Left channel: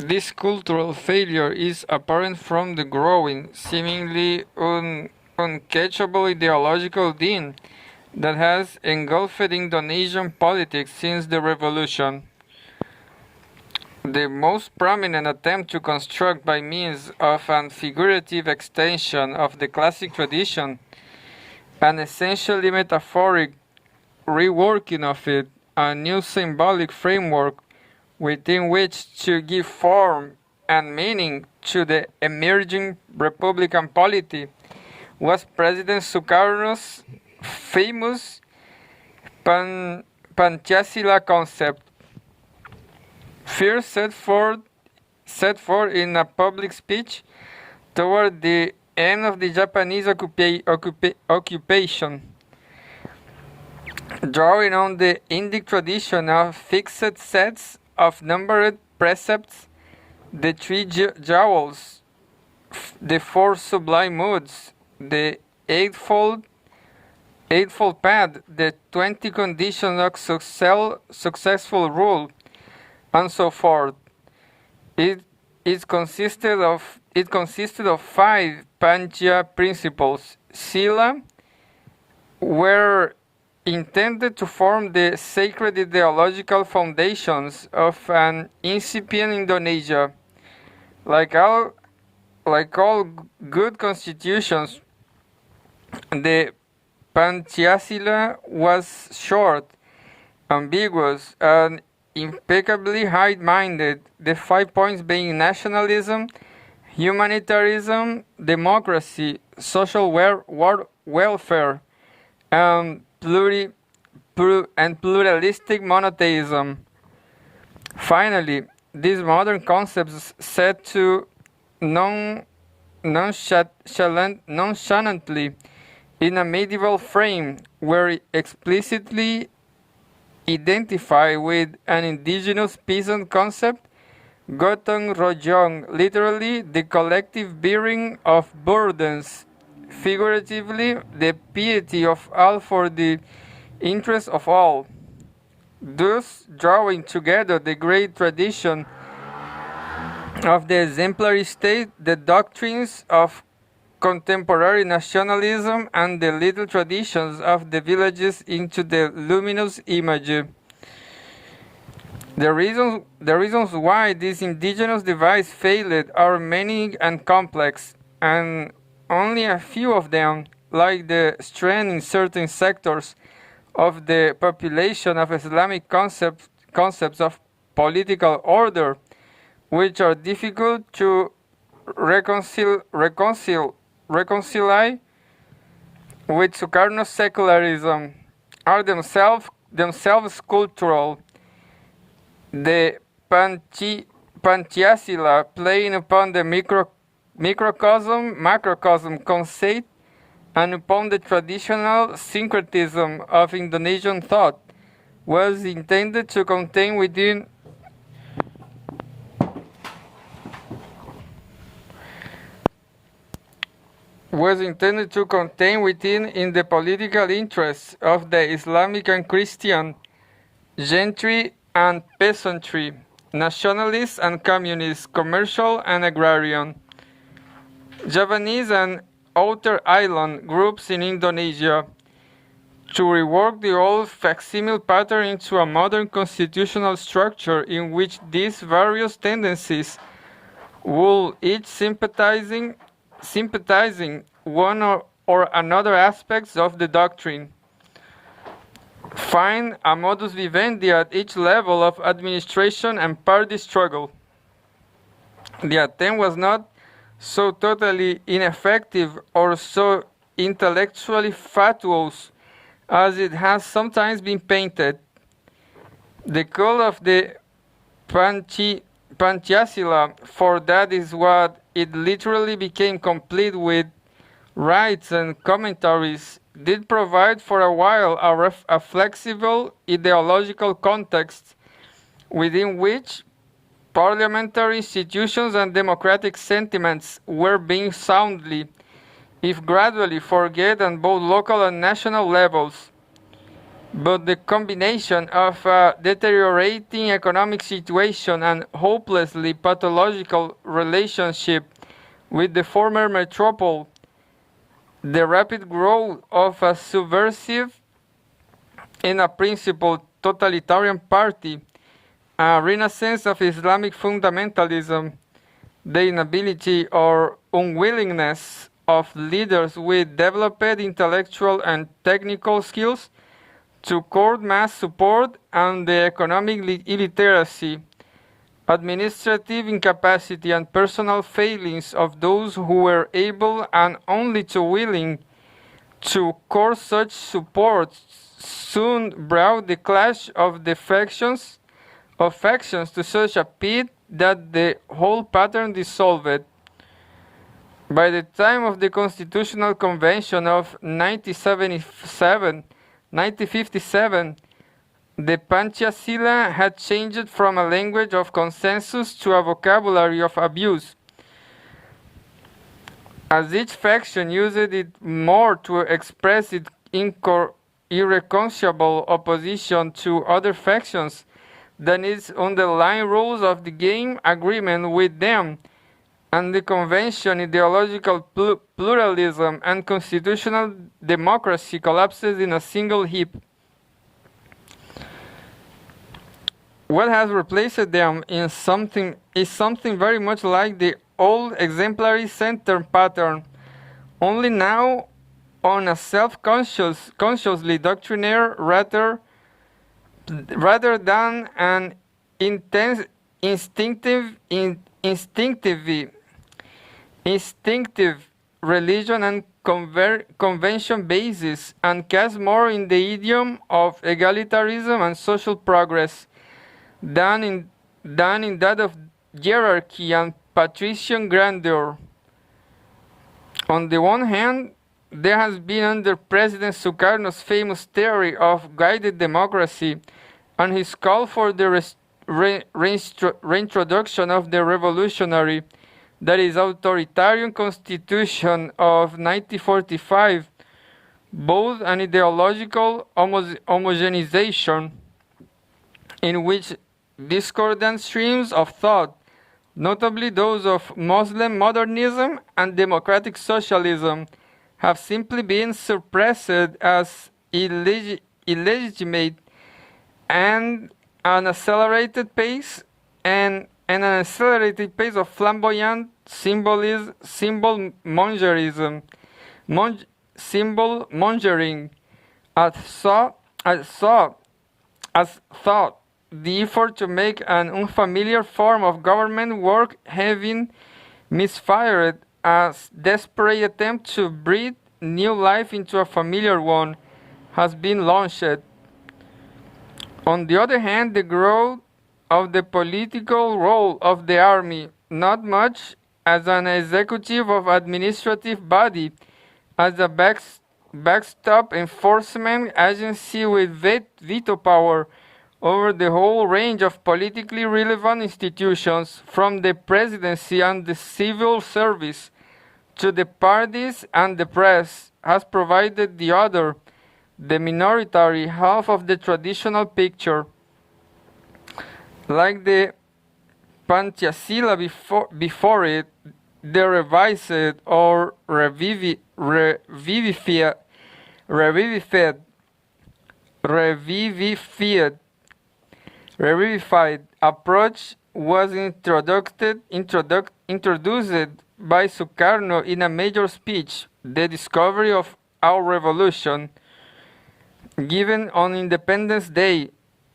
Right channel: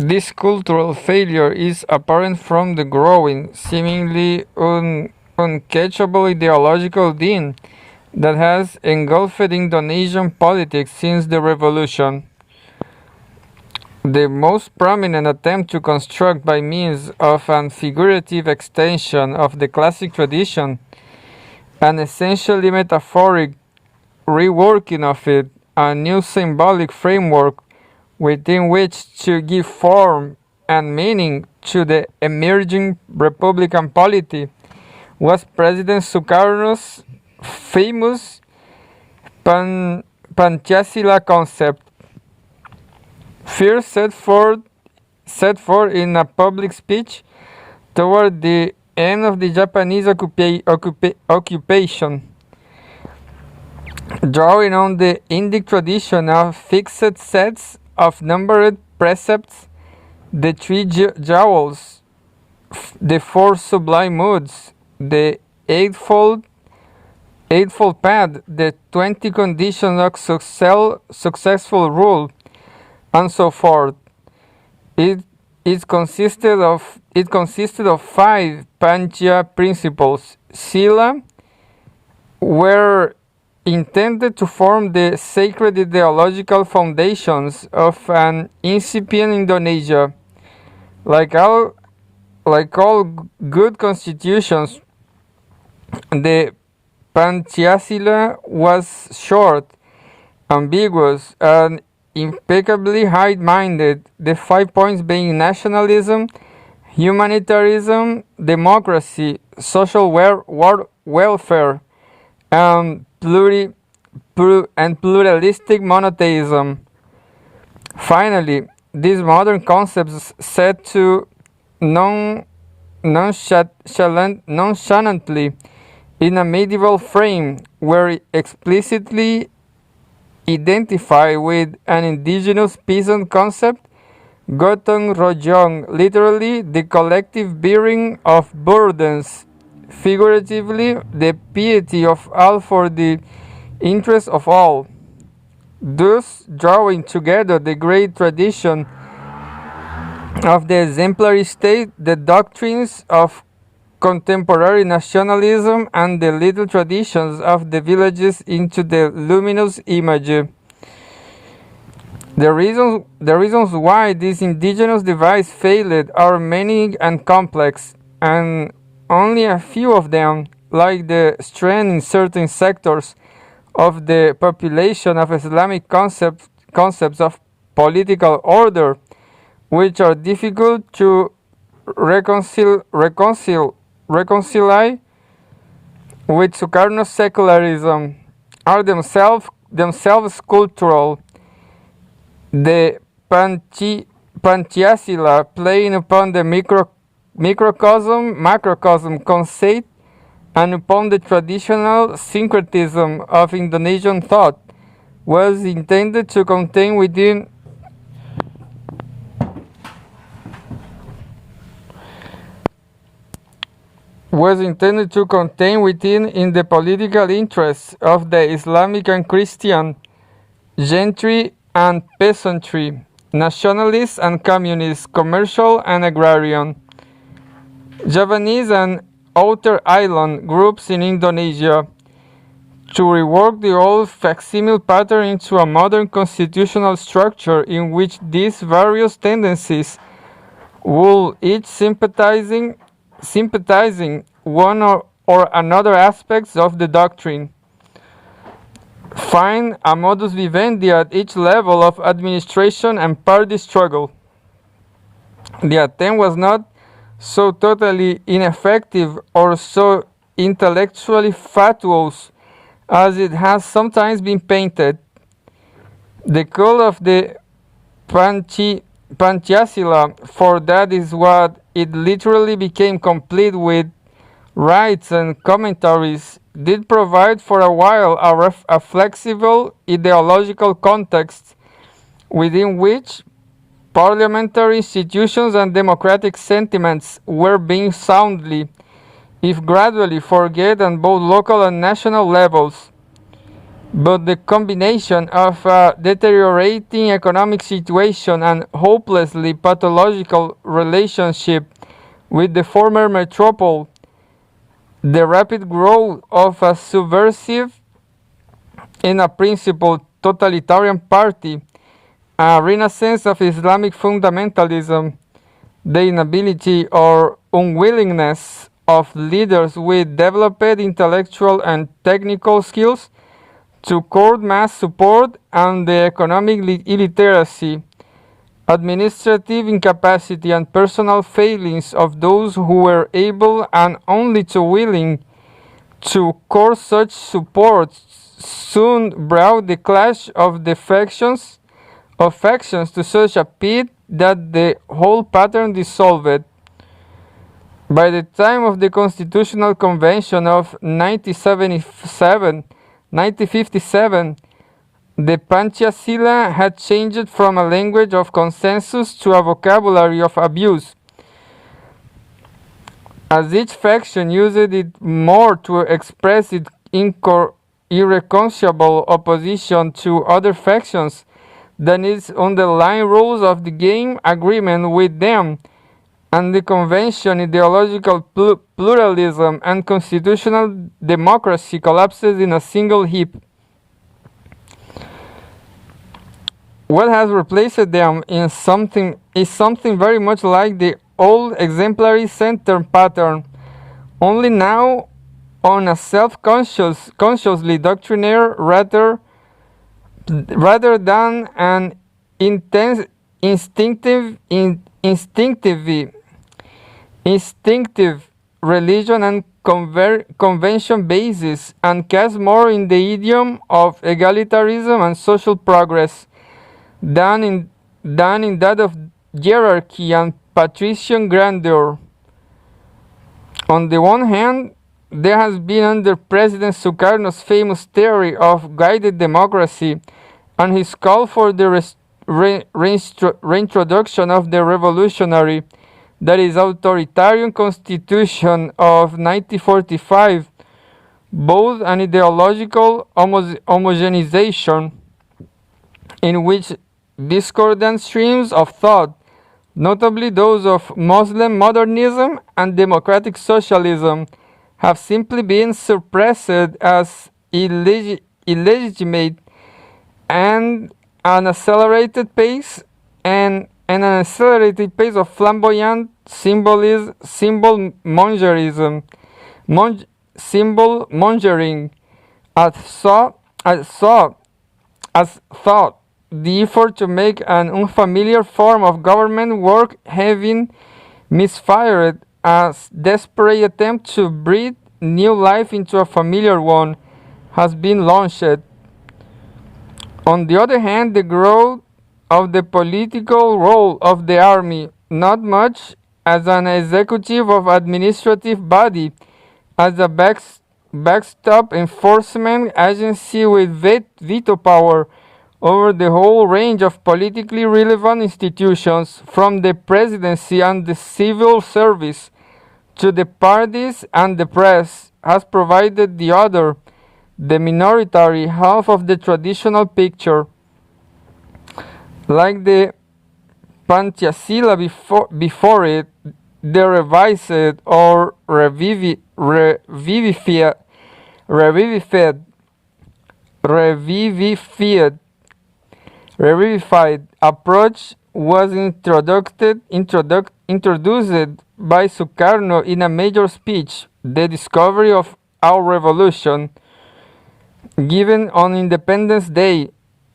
This cultural failure is apparent from the growing, seemingly uncatchable ideological din that has engulfed Indonesian politics since the revolution. The most prominent attempt to construct by means of an figurative extension of the classic tradition, an essentially metaphoric reworking of it, a new symbolic framework within which to give form and meaning to the emerging republican polity, was President Sukarno's famous Pancasila concept, first set forth in a public speech toward the end of the Japanese occupation, drawing on the Indic tradition of fixed sets of numbered precepts, the three jewels, the four sublime moods, the eightfold path, the 20 conditions of successful rule, and so forth. It consisted of 5 Pancha principles. Sila were intended to form the sacred ideological foundations of an incipient Indonesia. Like all good constitutions, the Pancasila was short, ambiguous, and impeccably high-minded, the 5 points being nationalism, humanitarianism, democracy, social welfare, and pluralistic monotheism. Finally, these modern concepts set to nonchalantly in a medieval frame were explicitly identified with an indigenous peasant concept, gotong royong, literally the collective bearing of burdens, figuratively the piety of all for the interest of all, thus drawing together the great tradition of the exemplary state, the doctrines of contemporary nationalism, and the little traditions of the villages into the luminous image. The reasons why this indigenous device failed are many and complex, and only a few of them, like the strength in certain sectors of the population of Islamic concepts of political order, which are difficult to reconcile with Sukarno's secularism, are themselves cultural. The Pancasila, playing upon the macrocosm concept and upon the traditional syncretism of Indonesian thought, was intended to contain within in the political interests of the Islamic and Christian gentry and peasantry, nationalists and communists, commercial and agrarian, Javanese and outer island groups in Indonesia, to rework the old facsimile pattern into a modern constitutional structure in which these various tendencies would each sympathizing one or another aspects of the doctrine, find a modus vivendi at each level of administration and party struggle. The attempt was not so totally ineffective or so intellectually fatuous as it has sometimes been painted. The call of the Pancasila, for that is what it literally became, complete with rites and commentaries, did provide for a while a flexible ideological context within which parliamentary institutions and democratic sentiments were being soundly, if gradually, forget on both local and national levels. But the combination of a deteriorating economic situation and hopelessly pathological relationship with the former metropole, the rapid growth of a subversive in a principle totalitarian party, a renaissance of Islamic fundamentalism, the inability or unwillingness of leaders with developed intellectual and technical skills to court mass support, and the economic illiteracy, administrative incapacity, and personal failings of those who were able and only too willing to court such support soon brought the clash of the factions to such a pit that the whole pattern dissolved. By the time of the Constitutional Convention of 1957, the Panchasila had changed from a language of consensus to a vocabulary of abuse, as each faction used it more to express its irreconcilable opposition to other factions than its underlying rules of the game agreement with them, and the convention, ideological pluralism, and constitutional democracy collapses in a single heap. What has replaced them is something very much like the old exemplary center pattern, only now on a consciously doctrinaire rather than an instinctive religion and convention basis, and casts more in the idiom of egalitarianism and social progress than in that of hierarchy and patrician grandeur. On the one hand, there has been under President Sukarno's famous theory of guided democracy and his call for the reintroduction of the revolutionary, that is, authoritarian constitution of 1945, both an ideological homogenization in which discordant streams of thought, notably those of Muslim modernism and democratic socialism, have simply been suppressed as illegitimate, and an accelerated pace of flamboyant symbol mongering, as thought the effort to make an unfamiliar form of government work having misfired, as desperate attempt to breathe new life into a familiar one has been launched. On the other hand, the growth of the political role of the army, not much as an executive or administrative body, as a backstop enforcement agency with veto power over the whole range of politically relevant institutions, from the presidency and the civil service to the parties and the press, has provided the other, the minoritary half of the traditional picture. Like the Panchasila before it, the revised or revivified approach was introduced by Sukarno in a major speech, The Discovery of Our Revolution, given on Independence Day,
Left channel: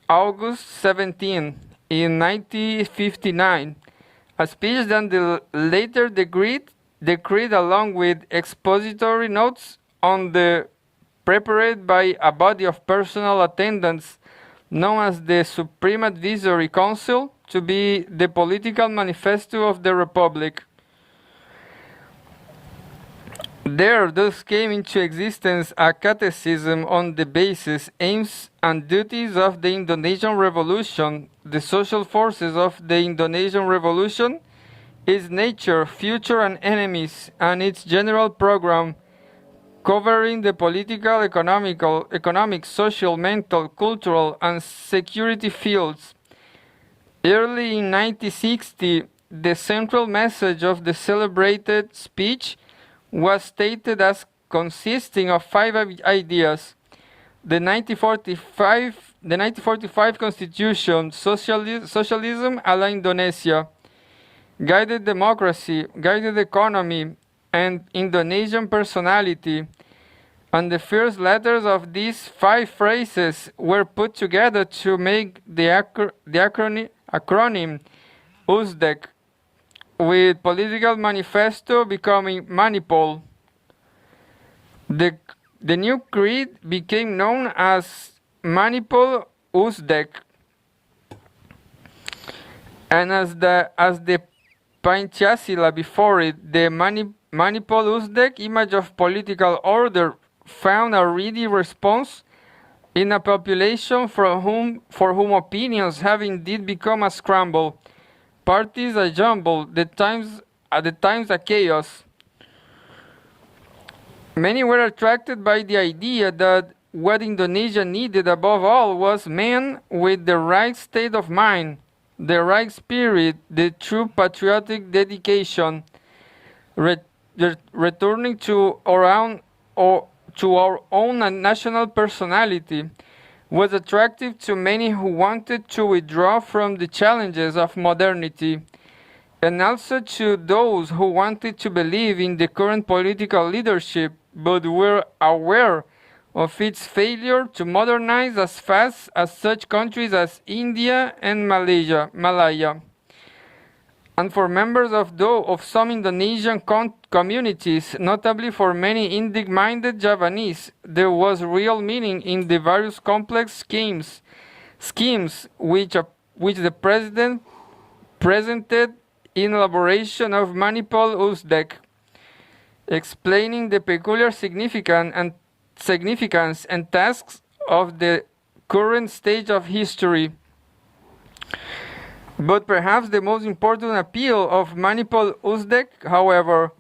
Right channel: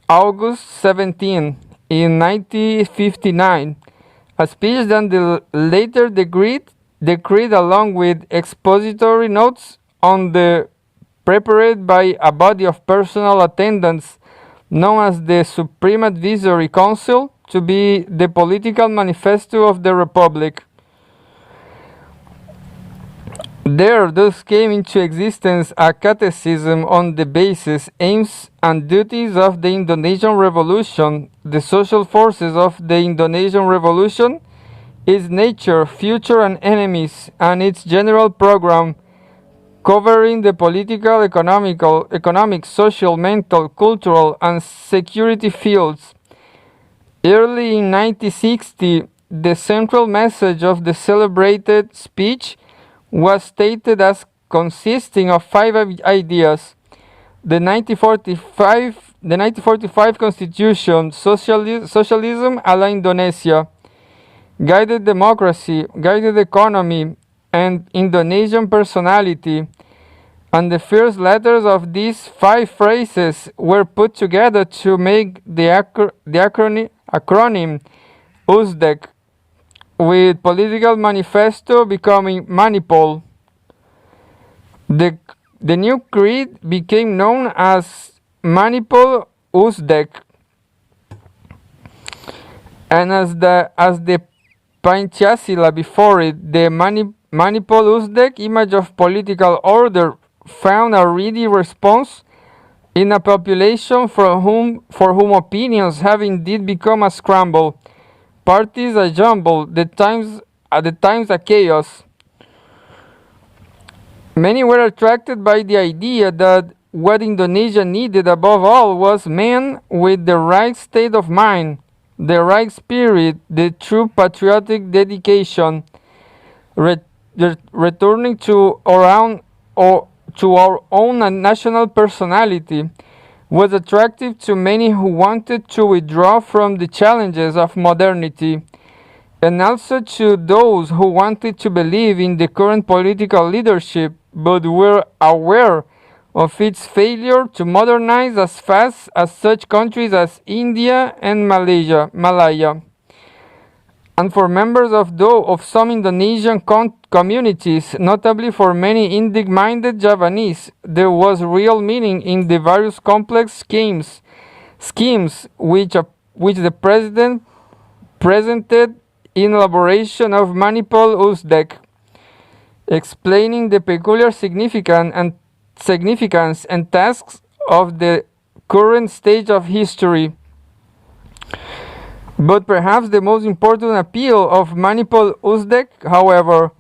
August 17, in 1959, a speech that the later decreed along with expository notes on the prepared by a body of personal attendants known as the Supreme Advisory Council, to be the political manifesto of the Republic. There thus came into existence a catechism on the basis, aims, and duties of the Indonesian Revolution, the social forces of the Indonesian Revolution, its nature, future, and enemies, and its general program, covering the political, economic, social, mental, cultural, and security fields. Early in 1960, the central message of the celebrated speech was stated as consisting of 5 ideas: the 1945 Constitution, socialism a la Indonesia, guided democracy, guided economy, and Indonesian personality. And the first letters of these 5 phrases were put together to make the acronym USDEC, with political manifesto becoming Manipol. The new creed became known as Manipol USDEC, and as the Pancasila before it, the Manipol USDEC image of political order found a ready response in a population for whom opinions have indeed become a scramble, parties a jumble, at the times a chaos. Many were attracted by the idea that what Indonesia needed above all was men with the right state of mind, the right spirit, the true patriotic dedication, returning to our own national personality, was attractive to many who wanted to withdraw from the challenges of modernity, and also to those who wanted to believe in the current political leadership but were aware of its failure to modernize as fast as such countries as India and Malaya. And for members of some Indonesian communities, notably for many Indic-minded Javanese, there was real meaning in the various complex schemes which the president presented in elaboration of Manipol USDEC, explaining the peculiar significance and tasks of the current stage of history. But perhaps the most important appeal of Manipol USDEC, however,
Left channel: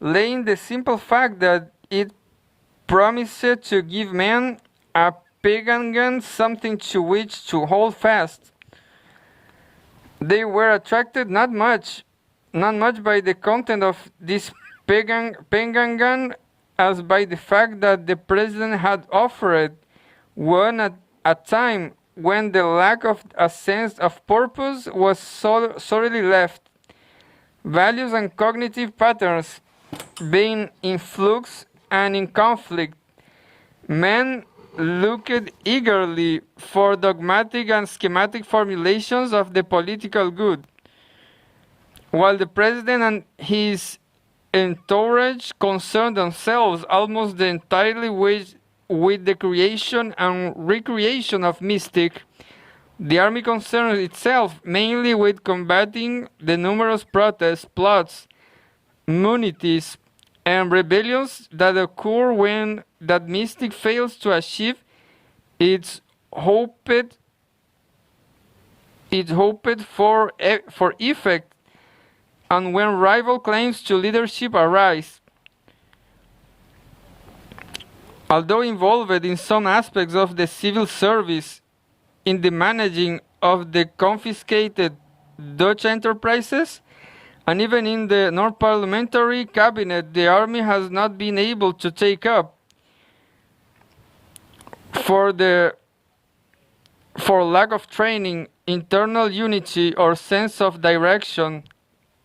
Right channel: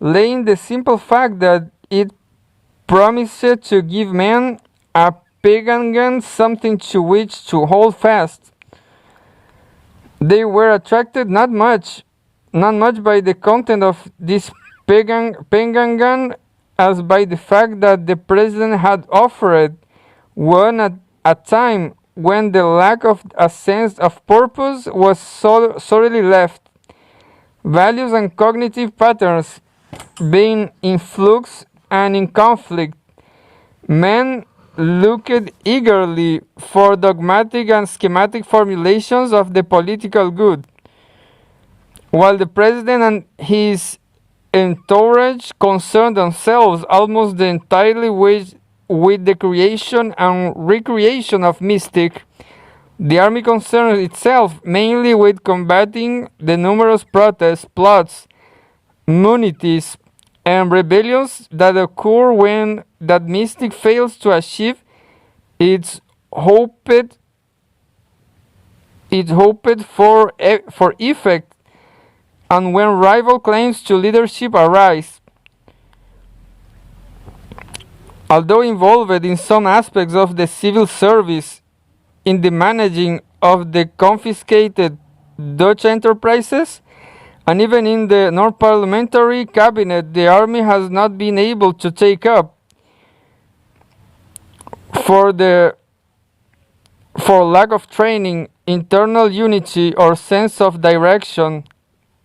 lay in the simple fact that it promised to give men a pegangan, something to which to hold fast. They were attracted not much by the content of this pegangan as by the fact that the president had offered one at a time when the lack of a sense of purpose was sorely left, values and cognitive patterns being in flux and in conflict. Men looked eagerly for dogmatic and schematic formulations of the political good, while the president and his entourage concerned themselves almost entirely with the creation and recreation of mystic. The army concerned itself mainly with combating the numerous protests, plots, mutinies, and rebellions that occur when that mystic fails to achieve its hoped for effect, and when rival claims to leadership arise. Although involved in some aspects of the civil service in the managing of the confiscated Dutch enterprises, and even in the non-parliamentary cabinet, the army has not been able to take up, for lack of training, internal unity, or sense of direction,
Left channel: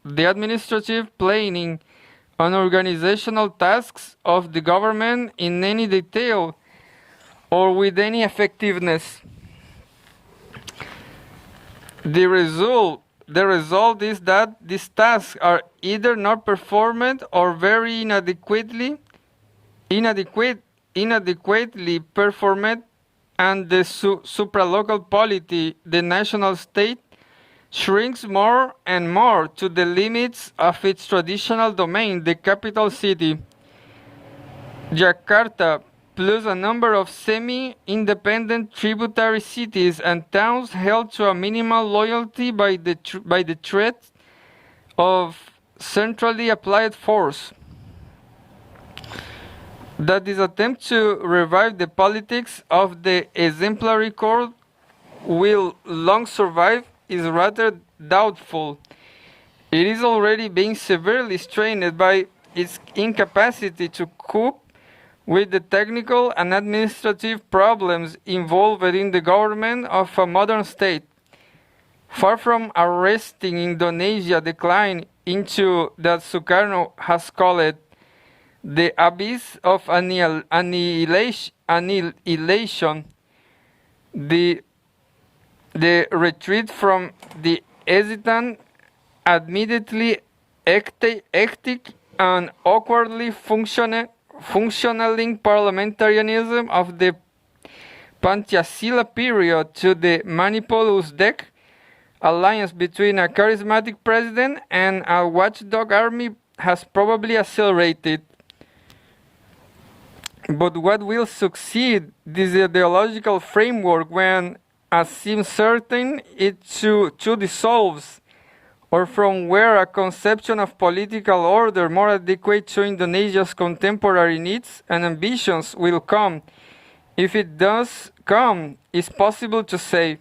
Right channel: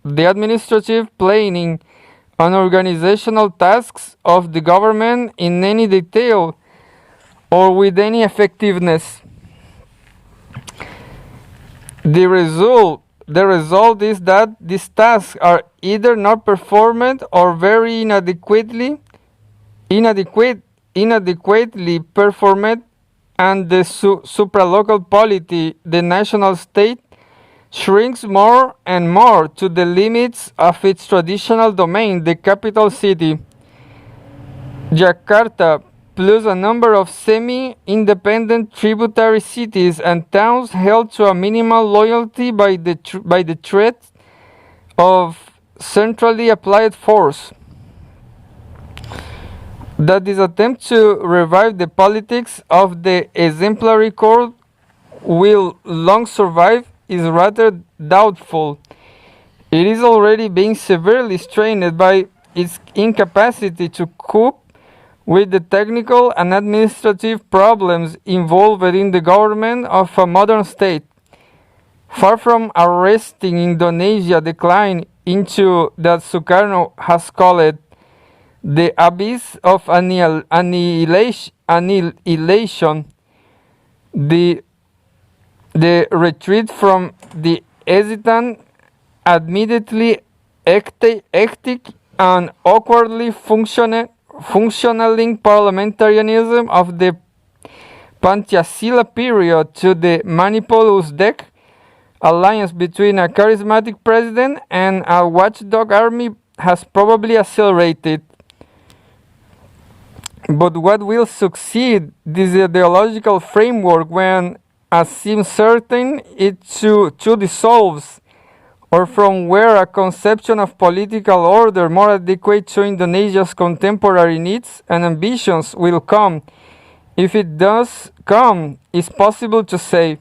the administrative planning and organizational tasks of the government in any detail or with any effectiveness. The result is that these tasks are either not performed or very inadequately performed, and the supralocal polity, the national state, shrinks more and more to the limits of its traditional domain, the capital city. Jakarta, plus a number of semi-independent tributary cities and towns held to a minimal loyalty by the threat of centrally applied force. That this attempt to revive the politics of the exemplary court will long survive is rather doubtful. It is already being severely strained by its incapacity to cope with the technical and administrative problems involved in the government of a modern state. Far from arresting Indonesia's decline into that Sukarno has called the abyss of annihilation, the retreat from the hesitant, admittedly hectic and awkwardly functioning parliamentarianism of the Pancasila period to the Manipulus Dek alliance between a charismatic president and a watchdog army has probably accelerated. But what will succeed this ideological framework when, as seems certain, it to dissolves, or from where a conception of political order more adequate to Indonesia's contemporary needs and ambitions will come, if it does come, is possible to say.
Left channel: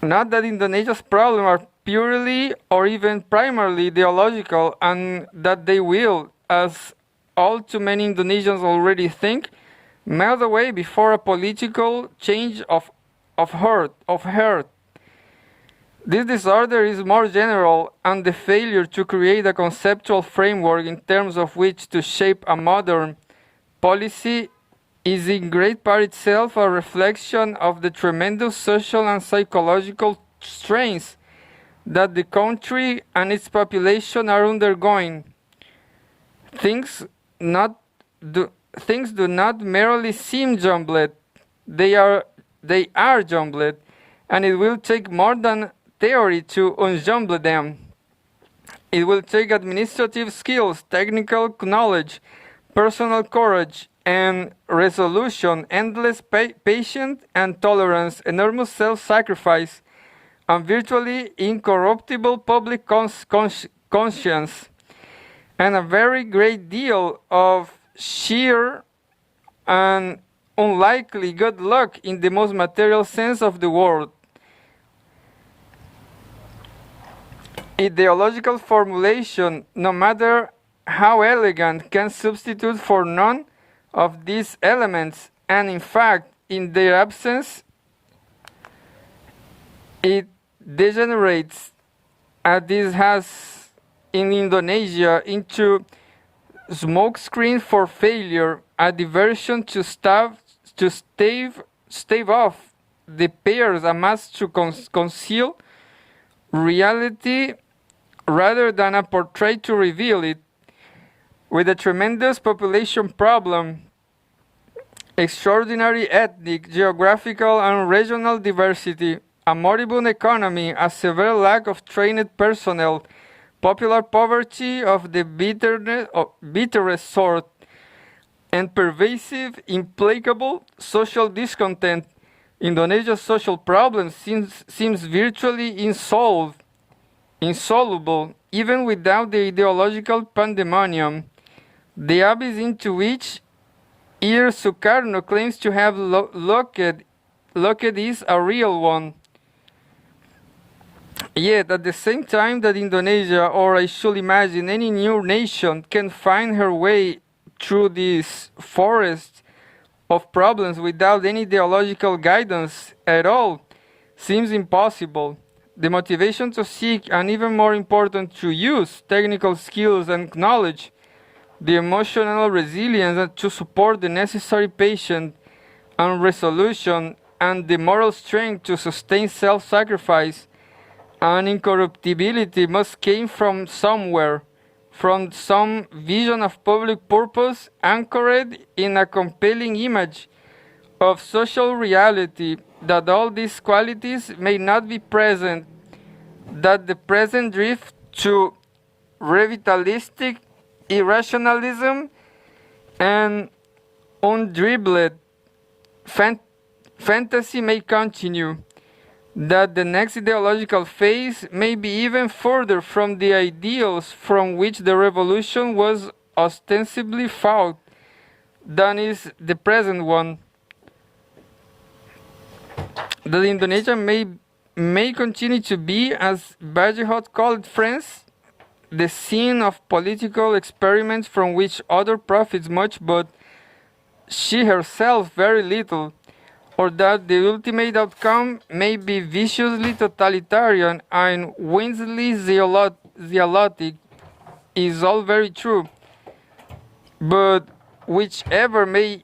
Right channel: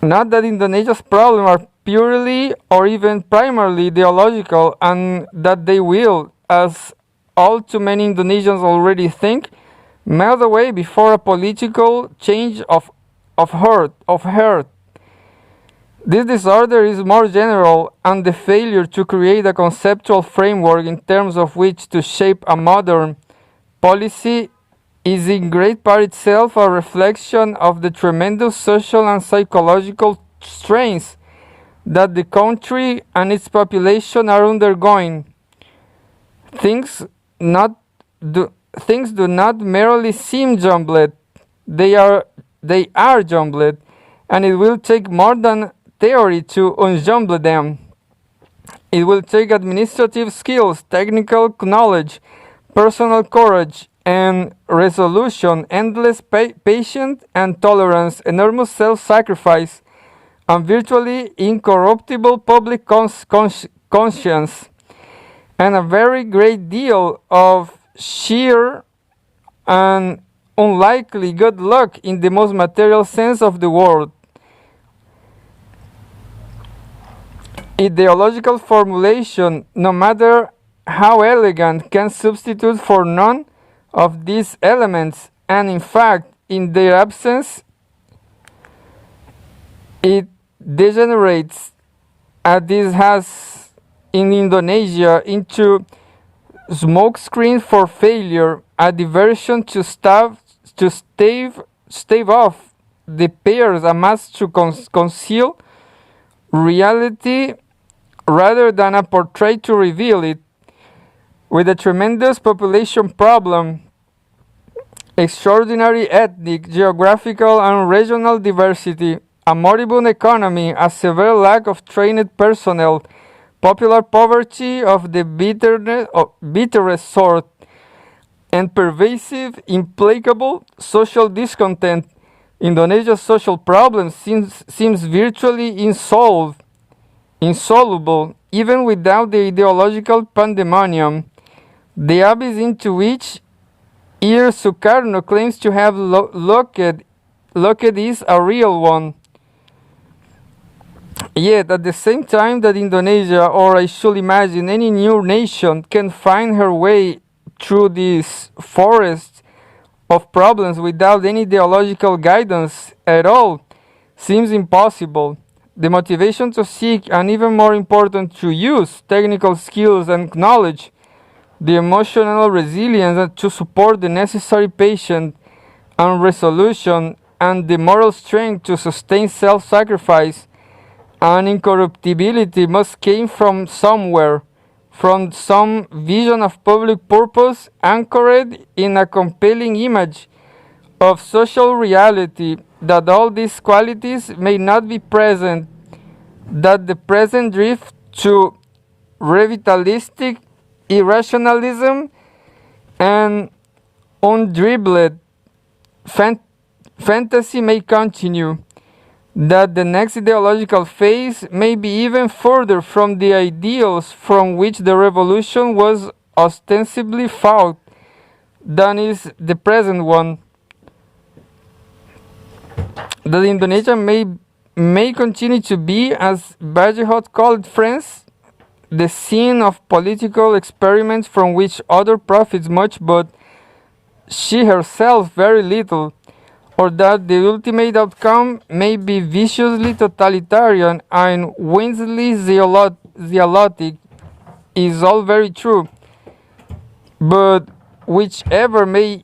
Not that Indonesia's problems are purely or even primarily ideological, and that they will, as all too many Indonesians already think, melt away before a political change of heart. This disorder is more general, and the failure to create a conceptual framework in terms of which to shape a modern policy is in great part itself a reflection of the tremendous social and psychological strains that the country and its population are undergoing. Things do not merely seem jumbled, they are jumbled, and it will take more than theory to unjumble them. It will take administrative skills, technical knowledge, personal courage and resolution, endless patience and tolerance, enormous self-sacrifice, and virtually incorruptible public conscience, and a very great deal of sheer and unlikely good luck in the most material sense of the word. Ideological formulation, no matter how elegant, can substitute for none of these elements, and in fact, in their absence, it degenerates, as this has in Indonesia, into smokescreen for failure, a diversion to stave off the pairs amassed to conceal reality rather than a portrait to reveal it. With a tremendous population problem, extraordinary ethnic, geographical, and regional diversity, a moribund economy, a severe lack of trained personnel, popular poverty of the bitterest sort, and pervasive, implacable social discontent, Indonesia's social problem seems virtually insoluble, even without the ideological pandemonium. The abyss into which Sukarno claims to have looked is a real one. Yet, at the same time that Indonesia, or I should imagine any new nation, can find her way through this forest of problems without any ideological guidance at all, seems impossible. The motivation to seek, and even more important, to use technical skills and knowledge, the emotional resilience to support the necessary patience and resolution, and the moral strength to sustain self-sacrifice and incorruptibility must came from somewhere, from some vision of public purpose anchored in a compelling image of social reality. That all these qualities may not be present, that the present drift to revitalistic irrationalism and undribbled fantasy may continue, that the next ideological phase may be even further from the ideals from which the revolution was ostensibly fought than is the present one. That Indonesia may continue to be, as Bergerhout called France, the scene of political experiments from which other profits much but she herself very little, or that the ultimate outcome may be viciously totalitarian and windlessly zealotic is all very true. But whichever way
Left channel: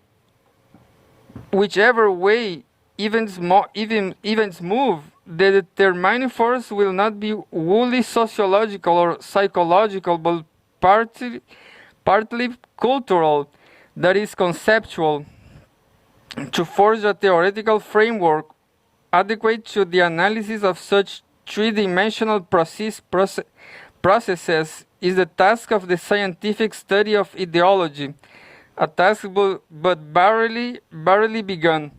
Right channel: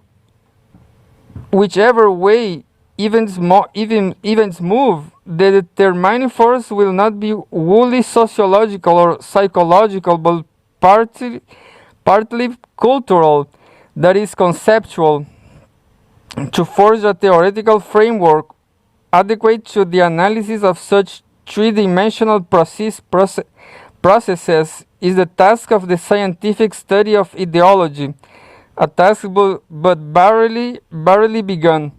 events move, the determining force will not be wholly sociological or psychological, but partly cultural, that is conceptual, to forge a theoretical framework adequate to the analysis of such three-dimensional processes is the task of the scientific study of ideology, a task but barely begun.